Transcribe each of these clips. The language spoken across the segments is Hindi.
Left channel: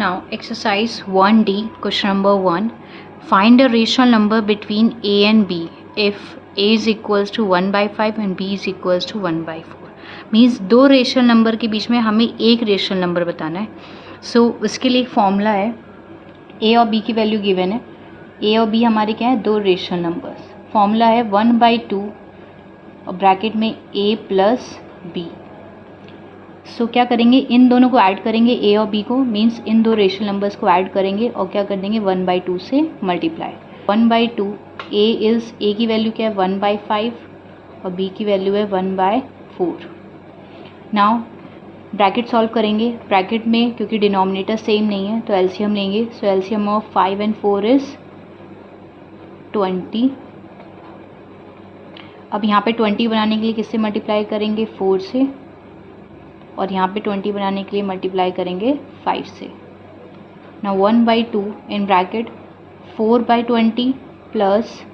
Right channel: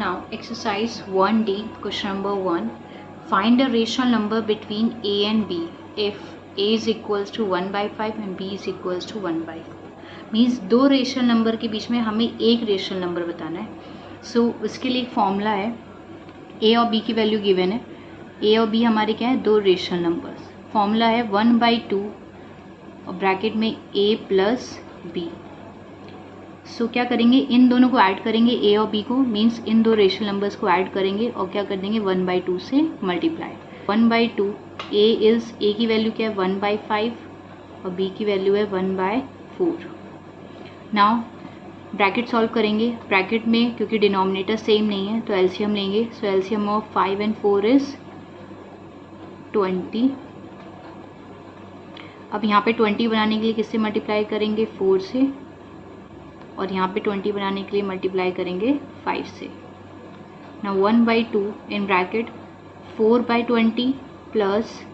Now exercise 1D, question number 1. Find a rational number between a and b if a is equals to 1/5 and b is equals to 1/4. Means दो रेशनल नंबर के बीच में हमें एक रेशनल नंबर बताना है. सो उसके लिए एक फॉर्मूला है. ए और बी की वैल्यू गिवन है. ए और बी हमारे क्या है, दो रेशनल नंबर्स. फॉर्मूला है 1/2 और ब्रैकेट में ए प्लस बी. सो क्या करेंगे, इन दोनों को ऐड करेंगे, ए और बी को, मीन्स इन दो रेशनल नंबर्स को ऐड करेंगे और क्या कर देंगे 1/2 से मल्टीप्लाई. 1/2 ए की वैल्यू क्या है 1/5 और बी की वैल्यू है 1/4. नाउ ब्रैकेट सॉल्व करेंगे. ब्रैकेट में क्योंकि डिनोमिनेटर सेम नहीं है तो एलसीएम लेंगे. So LCM of 5 and 4 is 20. अब यहाँ पे 20 बनाने के लिए किससे मल्टीप्लाई करेंगे, 4 से, और यहाँ पे 20 बनाने के लिए मल्टीप्लाई करेंगे 5 से. ना 1/2 in bracket 4/20 plus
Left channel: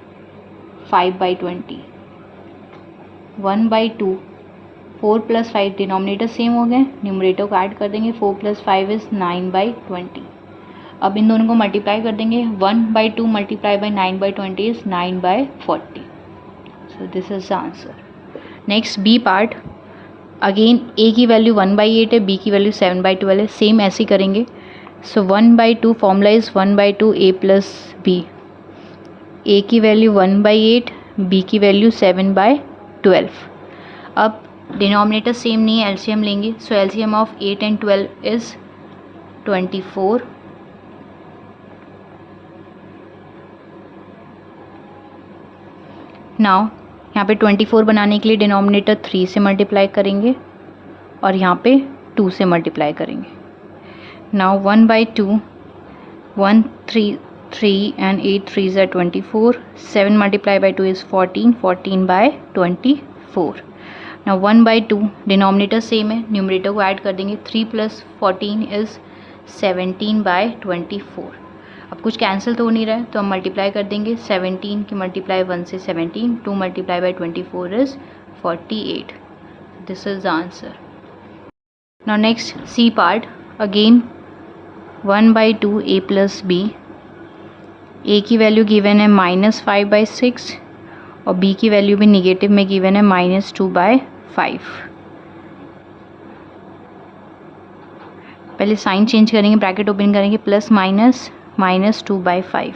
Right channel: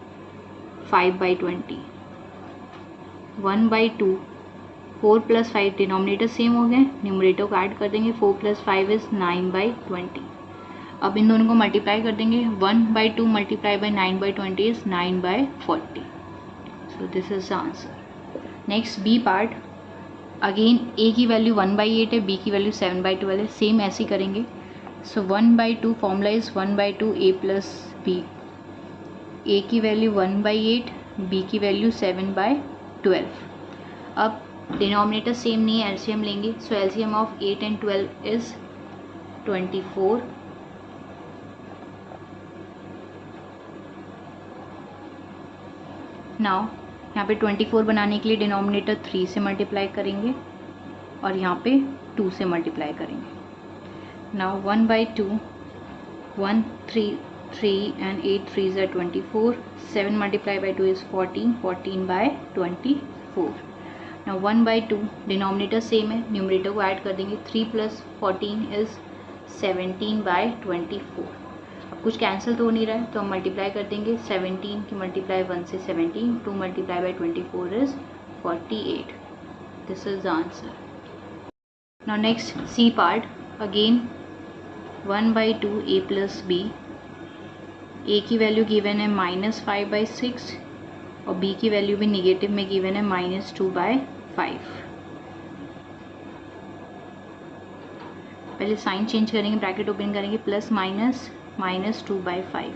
5/20. 1/2 4 + 5 denominator same हो गए, न्यूमरेटर को ऐड कर देंगे. 4 + 5 इज 9/20. अब इन दोनों को मल्टीप्लाई कर देंगे. 1/2 multiply by 9/20 is 9/40. So this is the answer. Next B part. Again a की वैल्यू 1/8 है, बी की वैल्यू 7/12 है. सेम ऐसे ही करेंगे. So 1/2 formula is 1/2 a plus b. A की वैल्यू 1/8, बी की वैल्यू 7/12. अब डिनोमिनेटर सेम नहीं है, एलसीएम लेंगे. So LCM of 8 and 12 is 24. Now यहाँ पे 24 बनाने के लिए डिनोमिनेटर 3 से मल्टीप्लाई करेंगे और यहाँ पे 2 से मल्टीप्लाई करेंगे. Now 1/2 1 3 and 8 3s are 24. 7 multiplied by 2 is 14. 14/24. Now 1/2 denominator same है, न्यूमरेटर को ऐड कर देंगे. 3 + 14 इज 17/24. अब कुछ कैंसिल तो हो नहीं रहा है तो हम मल्टीप्लाई कर देंगे. 17 की मल्टीप्लाई 1 से 17. 2 multiplied by 24 is 48. This is the answer. Now next C part. Again 1/2 a plus b. a की वैल्यू गिवन है -5/6 और b की वैल्यू भी निगेटिव में गिवन है -2/5. पहले साइन चेंज करेंगे, ब्रैकेट ओपन करेंगे, प्लस माइनस -2/5.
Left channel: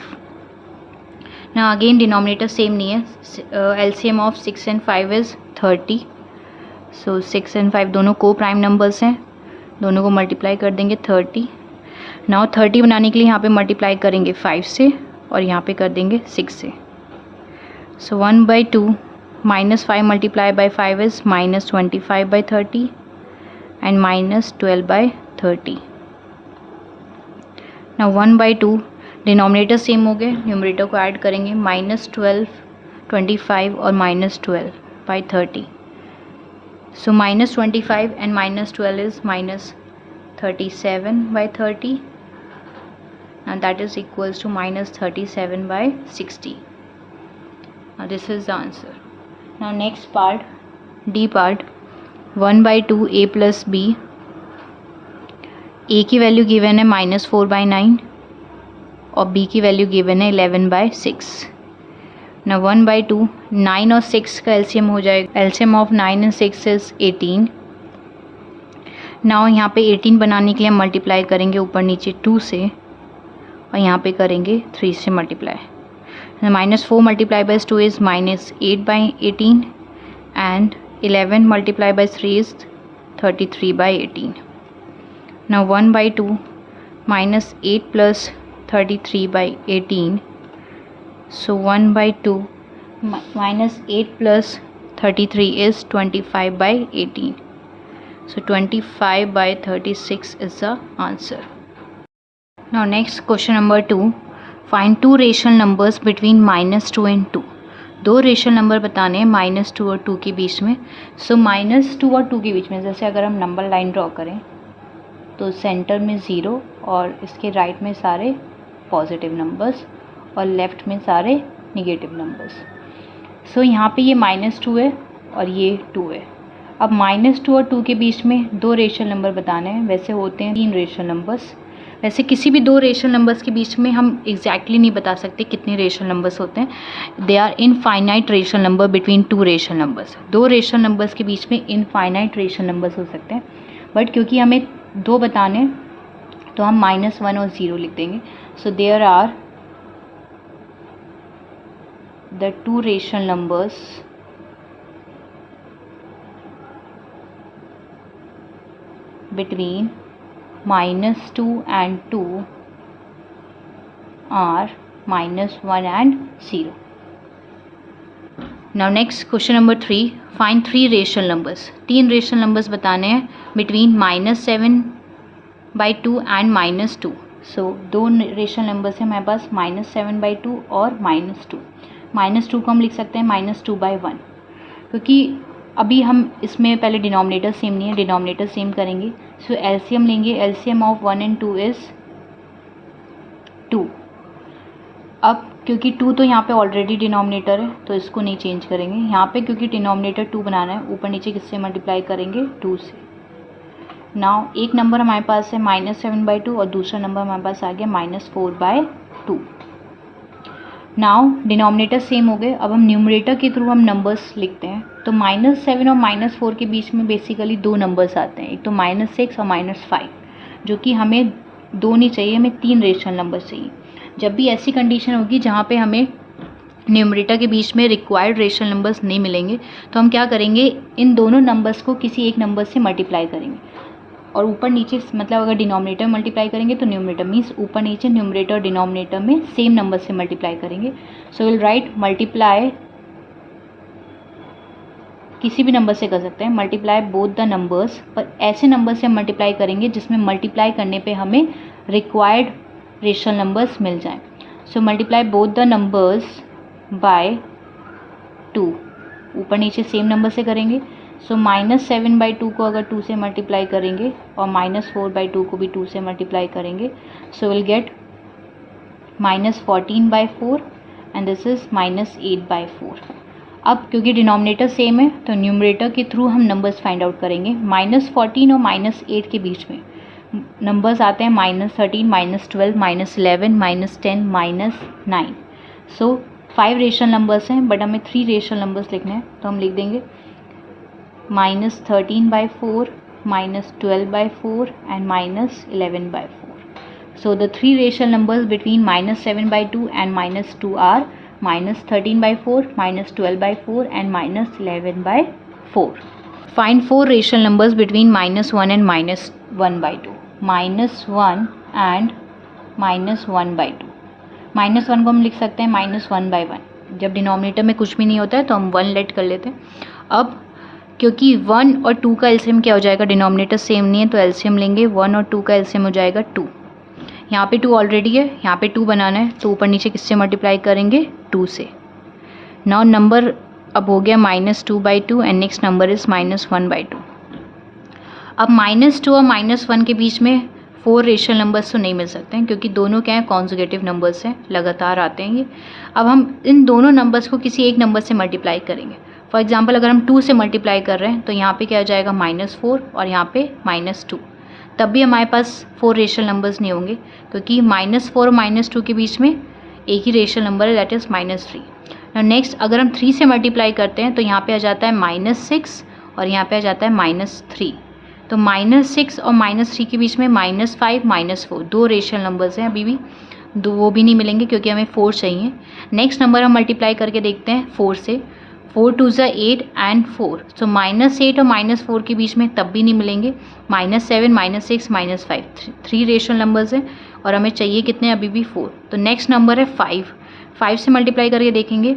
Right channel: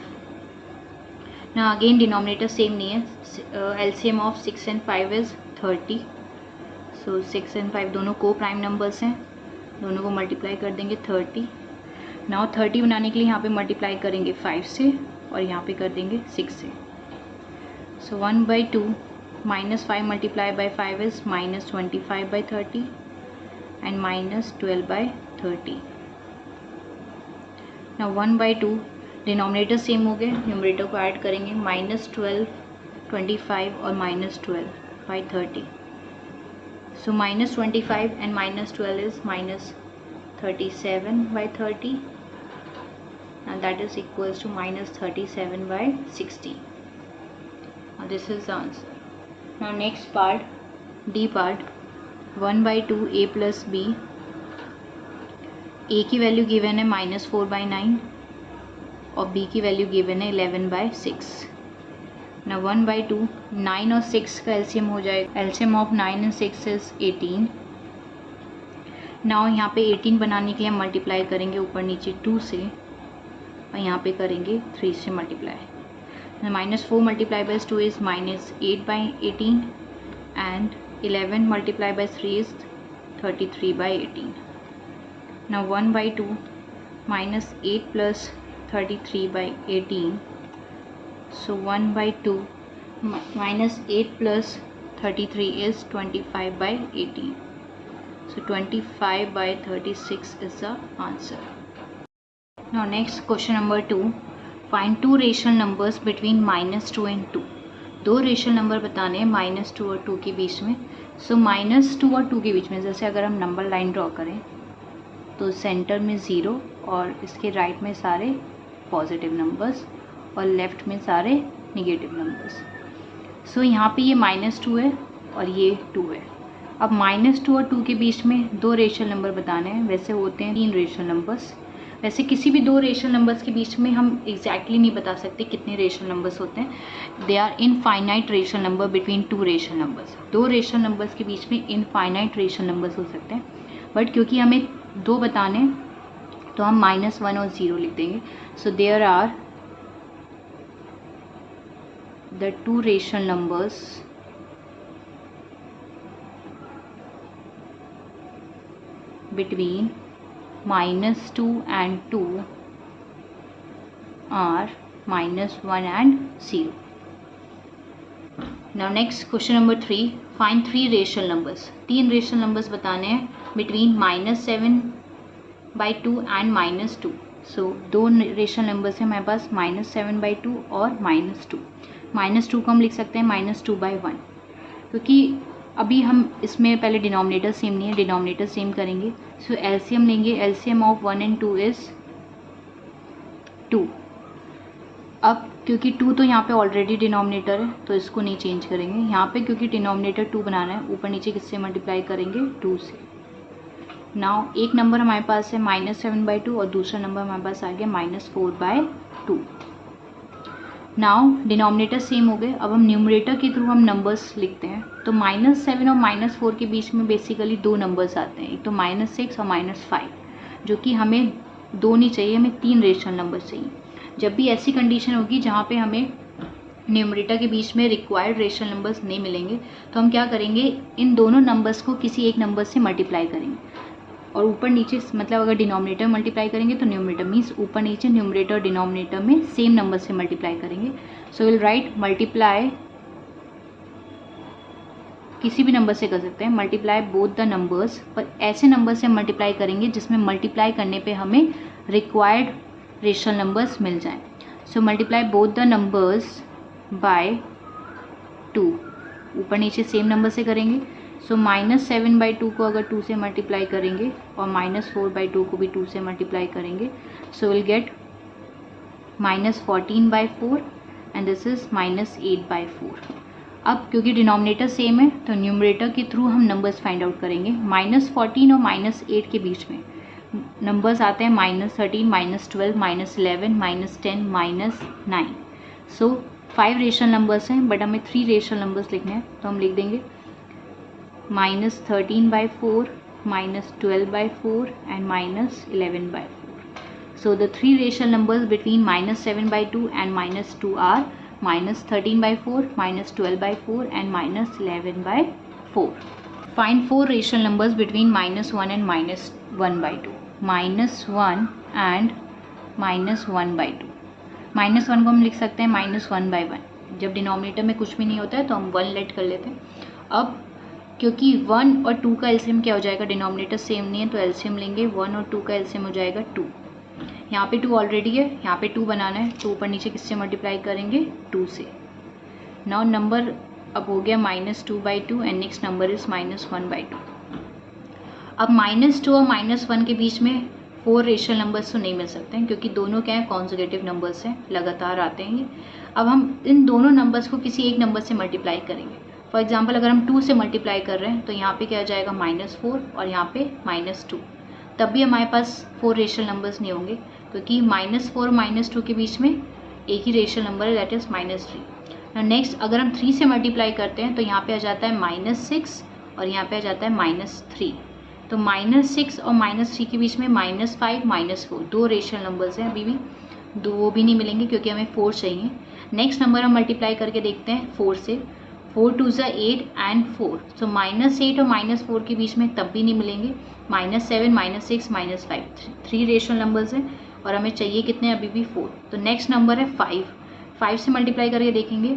ना अगेन डिनोमिनेटर सेम नहीं है. LCM of 6 and 5 is 30. So 6 and 5 दोनों को प्राइम नंबर्स हैं, दोनों को मल्टीप्लाई कर देंगे 30. नाउ 30 बनाने के लिए यहाँ पे मल्टीप्लाई करेंगे 5 से और यहाँ पे कर देंगे 6 से. सो 1/2 -5 multiplied by 5 is -25/30 and -12/30. ना 1/2 डिनोमिनेटर सेम हो गए, न्यूमरेटर को ऐड करेंगे. -12 25 और -12/30. सो -25 and -12 is -37/30. Now that is equals to -37/60. Now this is the answer. Now next part, D part. 1/2 a plus b. a की वैल्यू गिवन है -4/9 और b की वैल्यू गिवन है 11/6. ना 1/2 9 और 6 का एलसीएम हो जाएगा. LCM of 9 and 6 is 18. Now यहाँ पे 18 बनाने के लिए हम मल्टीप्लाई करेंगे ऊपर नीचे 2 से और यहाँ पे करेंगे 3 से multiply. -4 multiplied by 2 is -8/18 and 11 multiplied by 3 is 33/18. Now 1/2 -8 plus 33/18. So 1/2 -8 plus 33 is 25/18. So 25/36 is the answer. Now next question number 2. Find two rational numbers between -2 and 2. दो रेशनल नंबर बताने हैं -2 और 2 के बीच में. सो -2 और 2 के बीच में जैसे अगर हम नंबर लाइन ड्रॉ करें तो सेंटर में 0 और इसके राइट में सारे पॉजिटिव नंबर्स और लेफ़्ट में सारे निगेटिव नंबर्स. सो यहाँ पे ये -2 है और ये 2 है. अब -2 और 2 के बीच में दो रेशनल नंबर बताने हैं. वैसे होते हैं 3 रेशनल नंबर्स. वैसे किसी भी दो रेशनल नंबर्स के बीच में हम एग्जैक्टली नहीं बता सकते कितने रेशनल नंबर्स होते हैं. They are infinite rational number between two rational numbers. दो रेशनल नंबर्स के बीच में इनफाइनाइट रेशनल नंबर्स हो सकते हैं, बट क्योंकि हमें दो बताने तो हम -1 और 0 लिख देंगे. So there are the two rational numbers between -2 and 2 are -1 and 0. Now next question number 3. Find three rational numbers. तीन rational numbers बताने हैं between -7/2 and -2. So दो rational numbers हैं हमारे पास -7/2 और -2. -2 को हम लिख सकते हैं -2/1, क्योंकि अभी हम इसमें पहले डिनोमिनेटर सेम नहीं है, डिनोमिनेटर सेम करेंगे. सो एलसीएम लेंगे. LCM of 1 and 2 is 2. अब क्योंकि 2 तो यहाँ पे ऑलरेडी डिनोमिनेटर है तो इसको नहीं चेंज करेंगे. यहाँ पे क्योंकि डिनोमिनेटर 2 बनाना है, ऊपर नीचे किससे मल्टीप्लाई करेंगे? 2 से. नाउ एक नंबर हमारे पास है -7/2 और दूसरा नंबर हमारे पास आ गया -4/2. नाउ डिनोमिनेटर सेम हो गए. अब हम न्यूमरेटर के थ्रू हम नंबर्स लिखते हैं. तो -7 और -4 के बीच में बेसिकली दो नंबर्स आते हैं, एक तो -6 और -5, जो कि हमें दो नहीं चाहिए, हमें तीन रेशनल नंबर्स चाहिए. जब भी ऐसी कंडीशन होगी जहाँ पे हमें न्यूमरेटर के बीच में रिक्वायर्ड रेशनल नंबर्स नहीं मिलेंगे, तो हम क्या करेंगे, इन दोनों नंबर्स को किसी एक नंबर से मल्टीप्लाई करेंगे. और ऊपर नीचे मतलब अगर डिनोमिनेटर मल्टीप्लाई करेंगे तो न्यूमरेटर मीन्स ऊपर नीचे न्यूमरेटर डिनोमिनेटर में सेम नंबर से मल्टीप्लाई करेंगे. सो विल राइट मल्टीप्लाई, किसी भी नंबर से कर सकते हैं, मल्टीप्लाई बोथ द नंबर्स, पर ऐसे नंबर से मल्टीप्लाई करेंगे जिसमें मल्टीप्लाई करने पे हमें रिक्वायर्ड रेशनल नंबर्स मिल जाएं. So multiply both the numbers by 2. ऊपर नीचे सेम नंबर से करेंगे. सो -7/2 को अगर 2 से मल्टीप्लाई करेंगे और -4/2 को भी 2 से मल्टीप्लाई करेंगे, so will get -14/4 and this is -8/4. अब क्योंकि डिनोमिनेटर सेम है तो न्यूमरेटर के थ्रू हम नंबर्स फाइंड आउट करेंगे. -14 और -8 के बीच में नंबर्स आते हैं -13, -12, -11, -10, -9. सो 5 रेशनल नंबर्स हैं, बट हमें 3 रेशनल नंबर्स लिखने हैं, तो हम लिख देंगे -13/4, -12/4 and -11/4. So the three rational numbers between -7/2 and -2 are -13/4, -12/4 and -11/4. Find four rational numbers between -1 and -1/2. -1 and -1/2. -1 को हम लिख सकते हैं -1/1. जब डिनोमिनेटर में कुछ भी नहीं होता है तो हम 1 लेट कर लेते हैं. अब क्योंकि 1 और 2 का एलसीएम क्या हो जाएगा, डिनोमिनेटर सेम नहीं है तो एलसीएम लेंगे. 1 और 2 का एलसीएम हो जाएगा 2. यहाँ पे 2 ऑलरेडी है, यहाँ पे 2 बनाना है, तो ऊपर नीचे किससे मल्टीप्लाई करेंगे? 2 से. नाउ नंबर अब हो गया -2/2 एंड नेक्स्ट नंबर इज़ -1/2. अब -2 और -1 के बीच में 4 रेशनल नंबर्स तो नहीं मिल सकते हैं, क्योंकि दोनों क्या है, कॉन्जुगेटिव नंबर्स हैं, लगातार आते हैं ये. अब हम इन दोनों नंबर्स को किसी एक नंबर से मल्टीप्लाई करेंगे. फॉर एग्जाम्पल अगर हम 2 से मल्टीप्लाई कर रहे हैं तो यहाँ पे क्या आ जाएगा -4 और यहाँ पे -2. तब भी हमारे पास 4 रेशनल नंबर्स नहीं होंगे, क्योंकि -4 और -2 के बीच में एक ही रेशनल नंबर है, दैट इज़ -3. नेक्स्ट अगर हम 3 से मल्टीप्लाई करते हैं तो यहाँ पे आ जाता है -6 और यहाँ पे आ जाता है -3. तो -6 और -3 के बीच में -5, -4 दो रेशनल नंबर्स हैं, अभी भी दो वो भी नहीं मिलेंगे क्योंकि हमें 4 चाहिए. नेक्स्ट नंबर हम मल्टीप्लाई करके देखते हैं 4 से. 4 2 ज़ा 8 एंड 4. सो -8 और -4 के बीच में तब भी नहीं मिलेंगे. -7, -6, -5 3 रेशनल नंबर्स हैं और हमें चाहिए कितने, अभी भी 4. तो नेक्स्ट नंबर है 5. 5 से मल्टीप्लाई करके देखेंगे.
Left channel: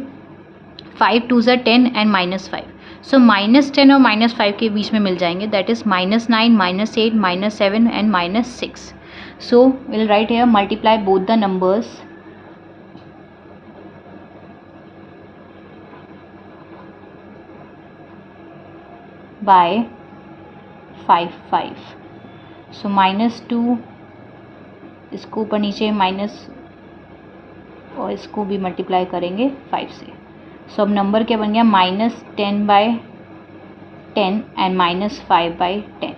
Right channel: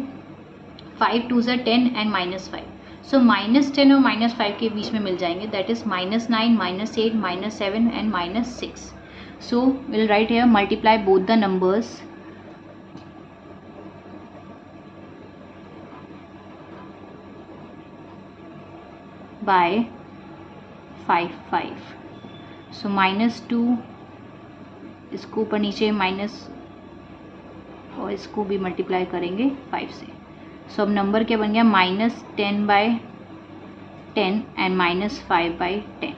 5 2 ज़ा 10 एंड -5. सो -10 और -5 के बीच में मिल जाएंगे, that is -9, -8, -7 and -6. So will write here multiply both the numbers by 5 5. सो -2 इसको ऊपर नीचे माइनस और इसको भी मल्टीप्लाई करेंगे 5 से. सो अब नंबर क्या बन गया, -10/10 एंड -5/10.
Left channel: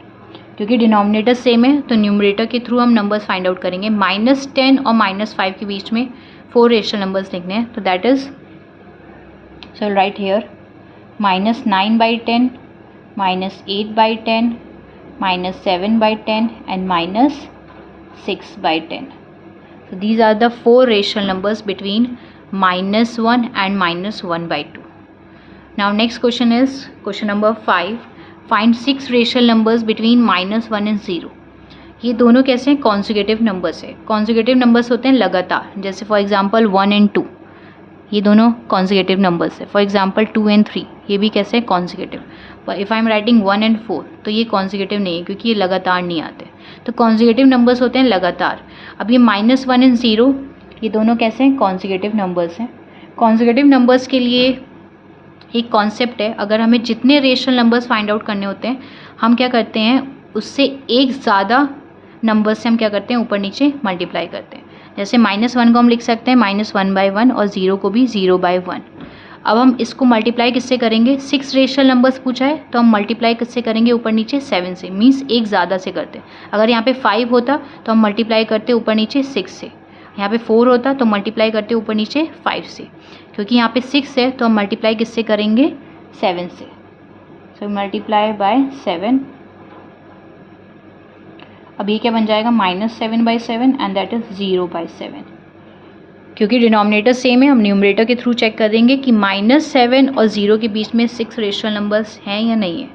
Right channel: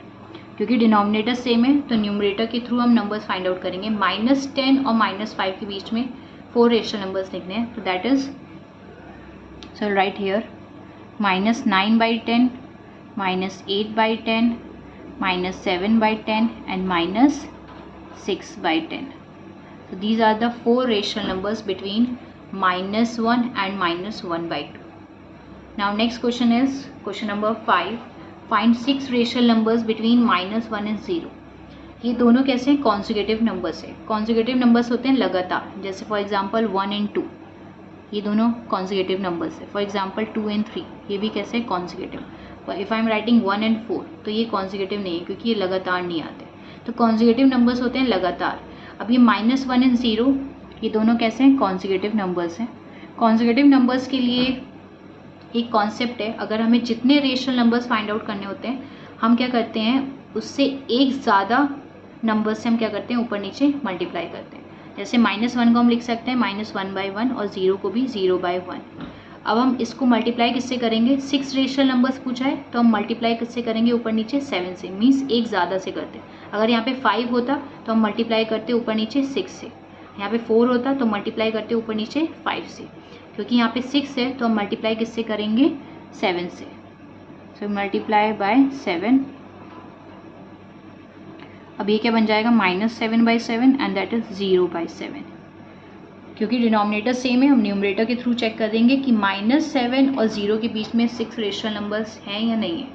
क्योंकि डिनोमिनेटर सेम है तो न्यूमरेटर के थ्रू हम नंबर्स फाइंड आउट करेंगे। -10 और -5 के बीच में 4 रेशनल नंबर्स लिखने हैं, तो दैट इज, चल right here, -9/10, -8/10, -7/10 and -6/10. So these are the 4 rational numbers between -1 and -1/2. Now next question is question number 5. Find 6 rational numbers between -1 and 0. ये दोनों कैसे हैं? कॉन्जिक्यूटिव नंबर्स है। कॉन्जिक्यूटिव नंबर्स होते हैं लगातार, जैसे फॉर एग्जांपल 1 and 2, ये दोनों कॉन्जिक्यूटिव नंबर्स है। फॉर एग्जांपल 2 and 3, ये भी कैसे कॉन्जिक्यूटिव। पर if I am writing 1 and 4 तो ये कॉन्जिक्यूटिव नहीं है, क्योंकि ये लगातार नहीं आते। तो कॉन्जिक्यूटिव नंबर्स होते हैं लगातार। अब ये -1 and 0, ये दोनों कैसे हैं? कॉन्जिक्यूटिव नंबर्स हैं। कॉन्जिक्यूटिव नंबर्स के लिए एक कॉन्सेप्ट है, अगर हमें जितने रेशनल नंबर्स फाइंड आउट करने होते हैं, हम क्या करते हैं, उससे एक ज़्यादा नंबर से हम क्या करते हैं, ऊपर नीचे मल्टीप्लाई करते हैं। जैसे -1 को हम लिख सकते हैं -1/1 और 0 को भी 0/1। अब हम इसको मल्टीप्लाई किससे करेंगे? 6 रेशनल नंबर्स पूछा है तो हम मल्टीप्लाई किससे करेंगे? ऊपर नीचे 7 से, मीन्स एक ज़्यादा से करते हैं। अगर यहाँ पे 5 होता तो हम मल्टीप्लाई करते ऊपर नीचे 6 से। यहाँ पे 4 होता तो मल्टीप्लाई करते ऊपर नीचे 5 से। क्योंकि यहाँ पे 6 है तो हम मल्टीप्लाई किससे करेंगे? 7 से। So multiply by 7। अब ये क्या बन जाएगा? -7/7 एंड दैट इज 0/7। क्योंकि डिनोमिनेटर सेम है, हम न्यूमरेटर के थ्रू चेक कर देंगे कि -7 और 0 के बीच में 6 रेशनल नंबर्स हैं या नहीं है।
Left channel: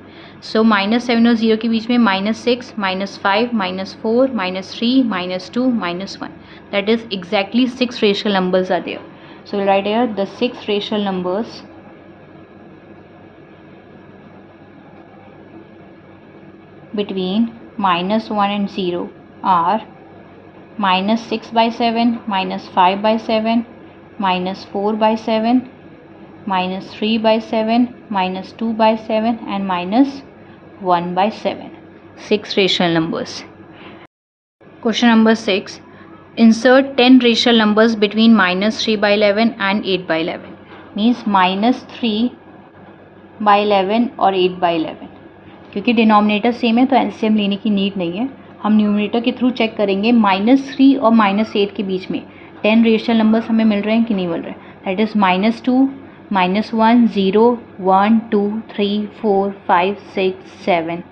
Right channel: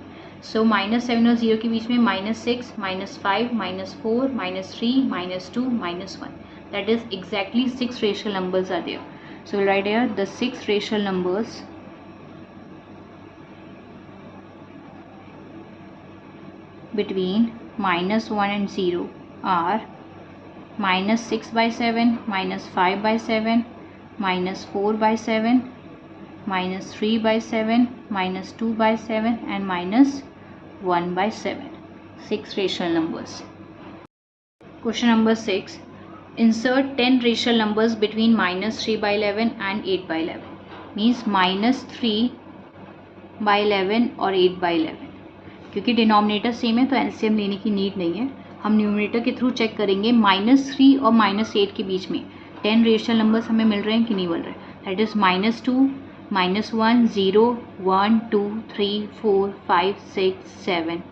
सो -7 और 0 के बीच में -6, -5, -4, -3, -2, -1, that is exactly 6 rational numbers are there. So we'll write here the 6 rational numbers between -1 and 0 are -6/7, -5/7, -4/7, -3/7, -2/7 and -1/7. 6 rational numbers. Question number 6. Insert 10 rational numbers between -3/11 and 8/11. Means -3/11 और 8/11। क्योंकि डिनोमिनेटर सेम है तो एलसीएम लेने की नीड नहीं है, हम न्यूमरेटर के थ्रू चेक करेंगे। -3 और -8 के बीच में 10 रेशनल नंबर्स हमें मिल रहे हैं कि नहीं मिल रहे। That is -2, -1, 0, 1, 2, 3, 4, 5, 6, 7।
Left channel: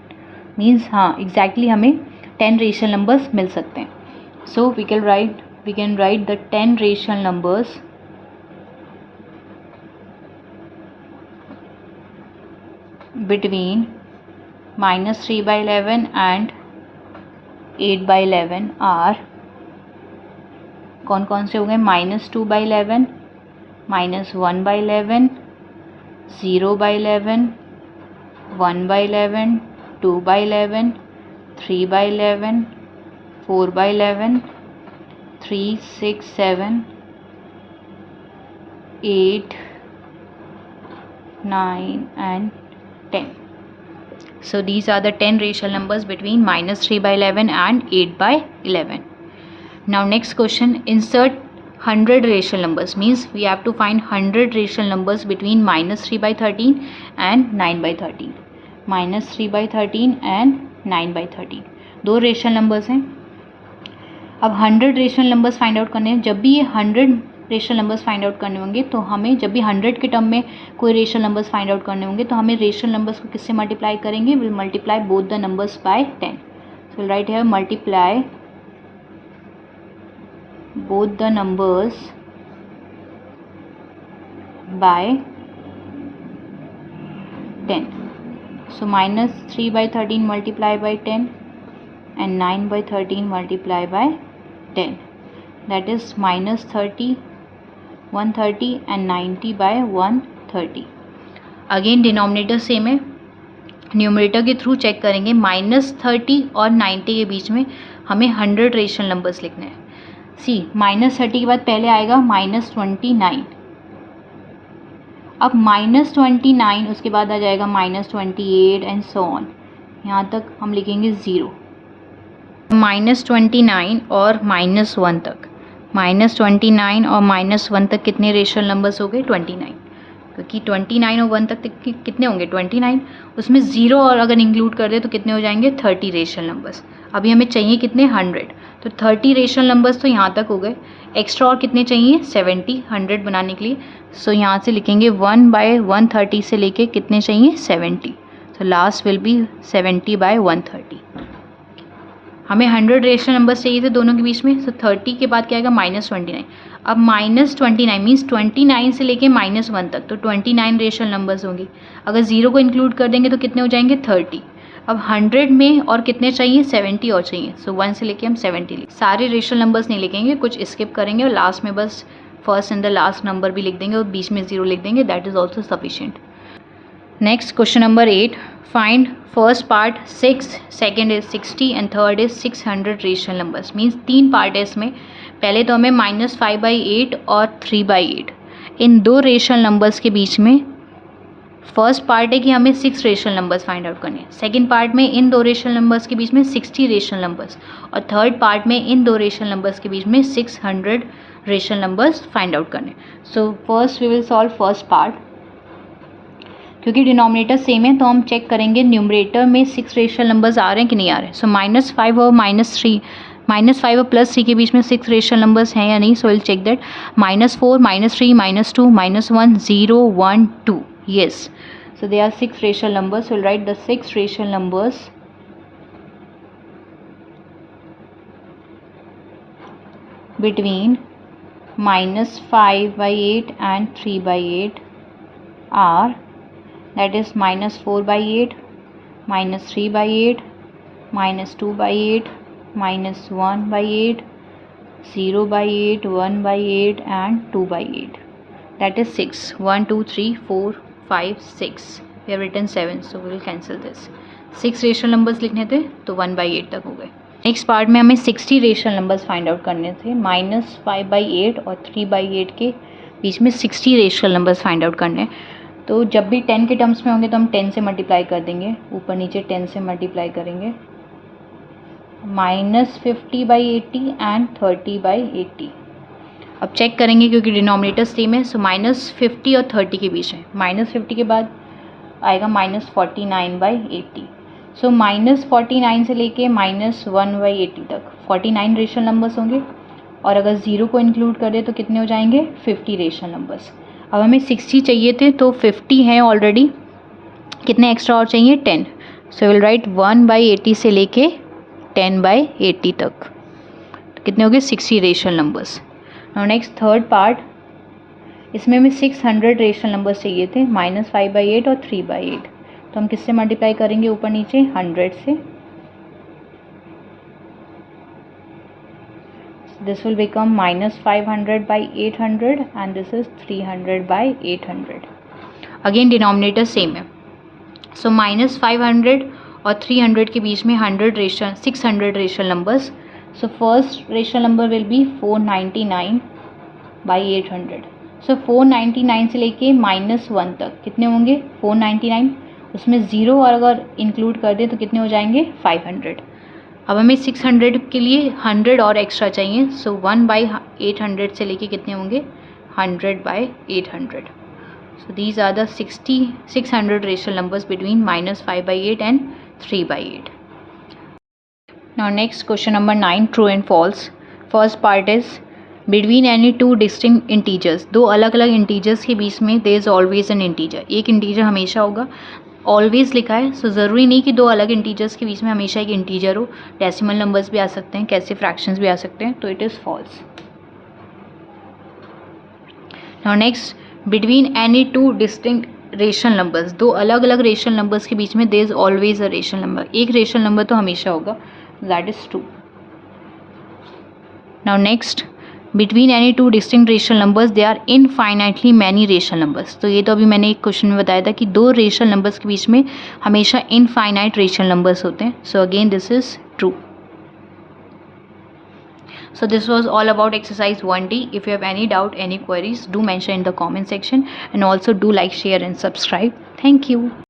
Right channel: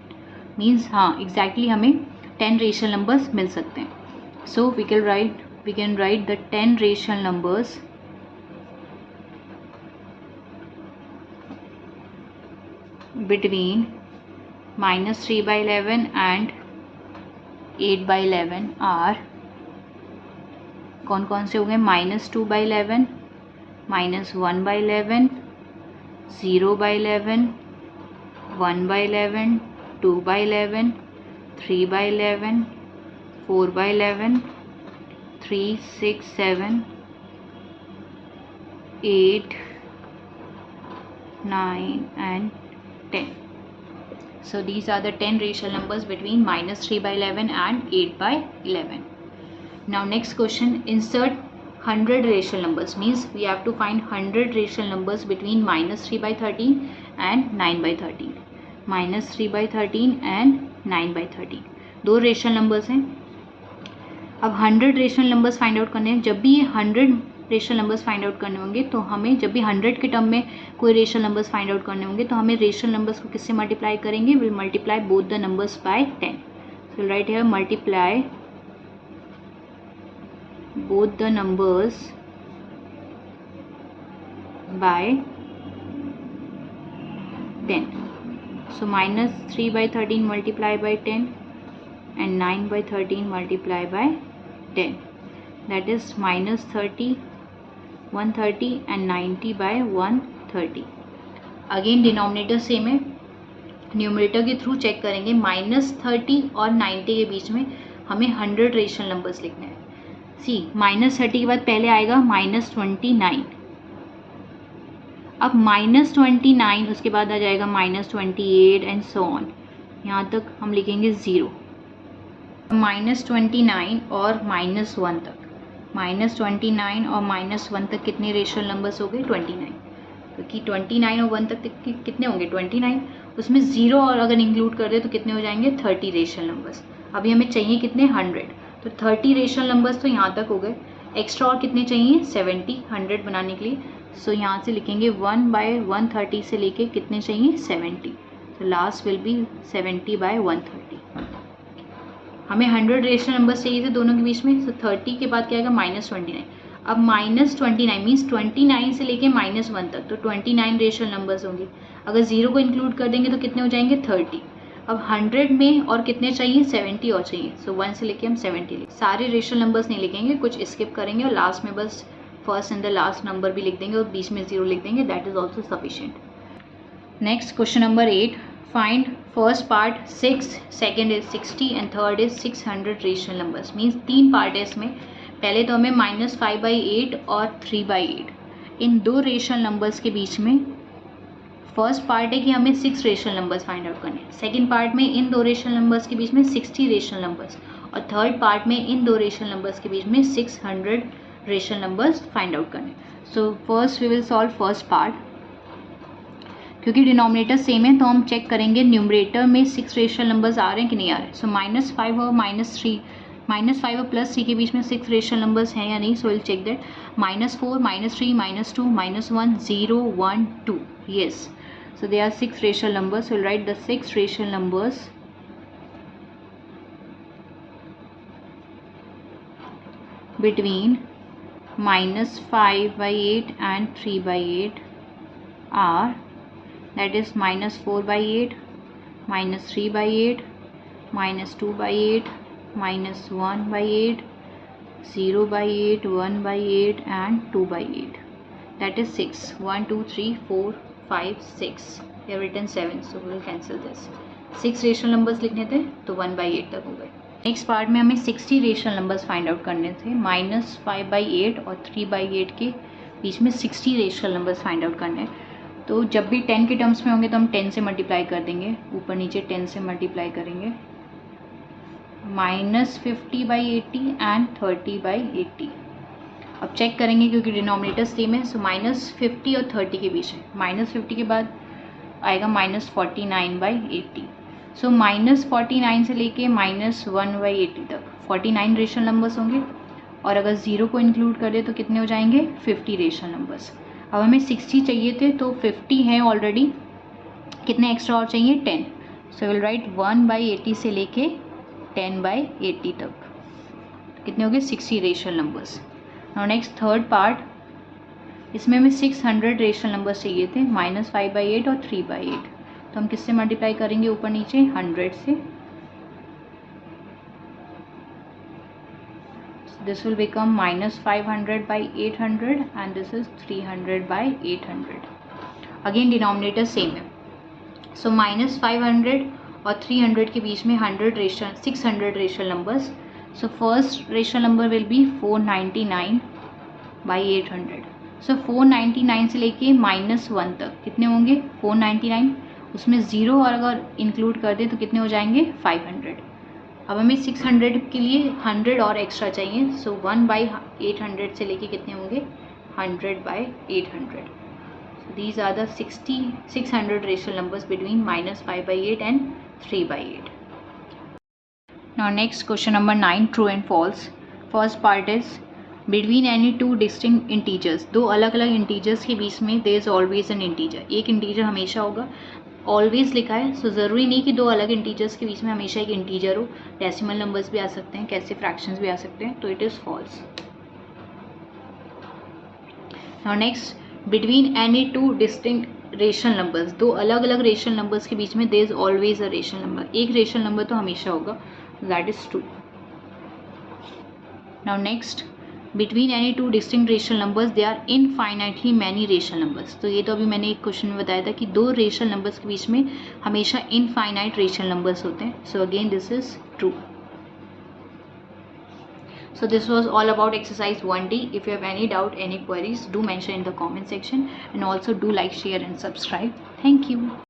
मीन्स हाँ, एग्जैक्टली हमें 10 रेशनल नंबर्स मिल सकते हैं। So we can write the 10 rational numbers between -3/11 and 8/11 are कौन कौन से हो गए? -2/11, -1/11, 0/11, 1/11, 2/11, 3/11, 4/11, 3, 6, 7, 8, 9 and 10. So these are the 10 rational numbers between -3/11 and 8/11. Now next question, insert 100 rational numbers. Means we have to find 100 rational numbers between -3/13 and 9/13. -3/13 and 9/13 दो रेशनल नंबर्स हैं। अब 100 रेशनल नंबर्स फाइंड आउट करने हैं। जब भी ये 100 रेशनल नंबर्स फाइंड आउट करने होंगे तो हमें, जब भी 100 के टर्म में कोई रेशनल नंबर्स फाइंड आउट करने होंगे तो हमें रेशनल नंबर्स को किससे मल्टीप्लाई करेंगे? Will multiply both the numbers by 10. So we'll write here multiply both the numbers by 10. So -3/13 multiply by 10 and 9/13 multiply by 10. That is -30, 130 and 90 by 130. Again denominator same है, न्यूमरेटर के थ्रू चेक करेंगे। -30 और 90 के बीच में हमें 100 रेशनल नंबर्स लिखने हैं। सी -30 के बाद पहले आएगा -29। अब -29 उसके बाद आ जाएगा -28 एंड सो ऑन, यहाँ तक हम लिखेंगे 0। -29 और -1 तक, -29 और -1 तक कितने रेशनल नंबर्स हो गए? 29। क्योंकि 29 और 1 तक कितने होंगे 29, उसमें 0 और अगर इंक्लूड कर दे तो कितने हो जाएंगे 30 रेशनल नंबर्स। अभी हमें चाहिए कितने 100, तो 30 रेशनल नंबर्स तो यहाँ तक हो गए, एक्स्ट्रा और कितने चाहिए 70 100 बनाने के लिए। सो यहाँ से लिखेंगे 1/130 से लेके कितने चाहिए 70, तो लास्ट विल बी 70/130। हमें 100 रेशनल नंबर्स चाहिए थे दोनों के बीच में, सो 30 के बाद क्या आएगा -29। अब -29 मीन्स 29 से लेके -1 तक, तो 29 रेशनल नंबर्स होंगे। अगर 0 को इंक्लूड कर देंगे तो कितने हो जाएंगे 30। अब 100 में और कितने चाहिए 70 और चाहिए, सो 1 से लेके हम 70 लिख, सारे रेशनल नंबर्स नहीं लिखेंगे, कुछ स्किप करेंगे और लास्ट में बस first and the last number भी लिख देंगे और बीच में 0 लिख देंगे, that is also sufficient. Next question number 8, find first part 6, second is 60 and third is 600 rational numbers. Means 3 part है इसमें। पहले तो हमें -5/8 और 3/8 इन 2 रेशनल नंबर्स के बीच में, फर्स्ट पार्ट है कि हमें 6 रेशनल नंबर्स फाइंड आउट करने हैं, सेकेंड पार्ट में इन 2 रेशनल नंबर्स के बीच में 60 रेशनल नंबर्स, और थर्ड पार्ट में इन 2 रेशनल नंबर्स के बीच में 600 रेशनल नंबर्स फाइंड आउट करने। So first we will solve first part. क्योंकि डिनोमिनेटर सेम है तो हम चेक करेंगे न्यूमरेटर में 6 रेशनल नंबर्स आ रहे हैं कि नहीं आ रहे हैं। सो -5 और -3, -5 और +3 के बीच में 6 रेशनल नंबर्स हैं या नहीं, so will check that. -4, -3, -2, -1, 0, 1, 2, yes, so there are 6 rational numbers. So we'll write the 6 rational numbers between -5/8 and 3/8 are, that is -4/8, -3/8, -2/8, -1/8, 0/8, 1/8 and 2/8. That is 6. 1, 2, 3, 4, 5, 6. We have written 7, so we will cancel this. 6 rational numbers लिखने थे तो 1/8 तक हो गए। नेक्स्ट पार्ट में हमें 60 रेशनल नंबर्स फाइंड आउट करने थे। -5/8 और 3/8 के बीच में 60 रेशनल नंबर्स फाइंड आउट करने। तो जब भी 10 के टर्म्स में होंगे तो हम 10 से मल्टीप्लाई कर देंगे, ऊपर नीचे 10 से मल्टीप्लाई करेंगे। -50/80 एंड 30/80। अब चेक करेंगे क्योंकि डिनोमिनेटर सेम है, सो -50 और 30 के बीच है। -50 के बाद आएगा -49/80। सो -49 से लेके -1/80 तक 49 रेशनल नंबर्स होंगे, और अगर 0 को इंक्लूड कर दे तो कितने हो जाएंगे 50 रेशनल नंबर्स। अब हमें 60 चाहिए थे तो 50 हैं ऑलरेडी, कितने एक्स्ट्रा और चाहिए 10। सो विल राइट 1/80 से लेके 10/80 तक, तो कितने हो गए 60 rational numbers. Next third part, इसमें हमें 600 रेशनल नंबर्स चाहिए थे, -5/8 और 3/8। तो हम किससे मल्टीप्लाई करेंगे ऊपर नीचे 100 से। This will become -500/800 and this is 300/800। Again denominator same है, सो -500 और 300 के बीच में 600 rational numbers. So first rational number will be 499/800। सो 499 से लेके -1 तक कितने होंगे 499, उसमें 0 और अगर इंक्लूड कर दे तो कितने हो जाएंगे 500। अब हमें 600 के लिए 100 और एक्स्ट्रा चाहिए, सो 1/800 से लेके कितने होंगे 100/800। So these are the 600 rational numbers between -5/8 and 3/8. Now next question number 9, true and false. First part is between any two distinct integers. दो अलग अलग इंटीजर्स के बीच में there is always an integer. एक इंटीजर हमेशा होगा, ऑलवेज लिखा है, सो ज़रूरी नहीं कि दो अलग इंटीजर्स के बीच में हमेशा एक इंटीजर हो। डेसिमल नंबर्स भी आ सकते हैं, कैसे फ्रैक्शंस भी आ सकते हैं, तो it is false. Now next, between any two distinct rational numbers, दो अलग अलग रेशनल नंबर्स के बीच में there is always a rational number, एक रेशनल नंबर तो हमेशा होगा, that is true. Now next, between any two distinct rational numbers they are infinitely many rational numbers. तो ये तो अभी मैंने एक क्वेश्चन में बताया था कि दो रेशनल नंबर्स के बीच में हमेशा इनफाइनाइट रेशनल नंबर्स होते हैं, so again this is true. So this was all about exercise 1D. If you have any doubt, any queries, do mention in the comment section, and also do like, share and subscribe. Thank you.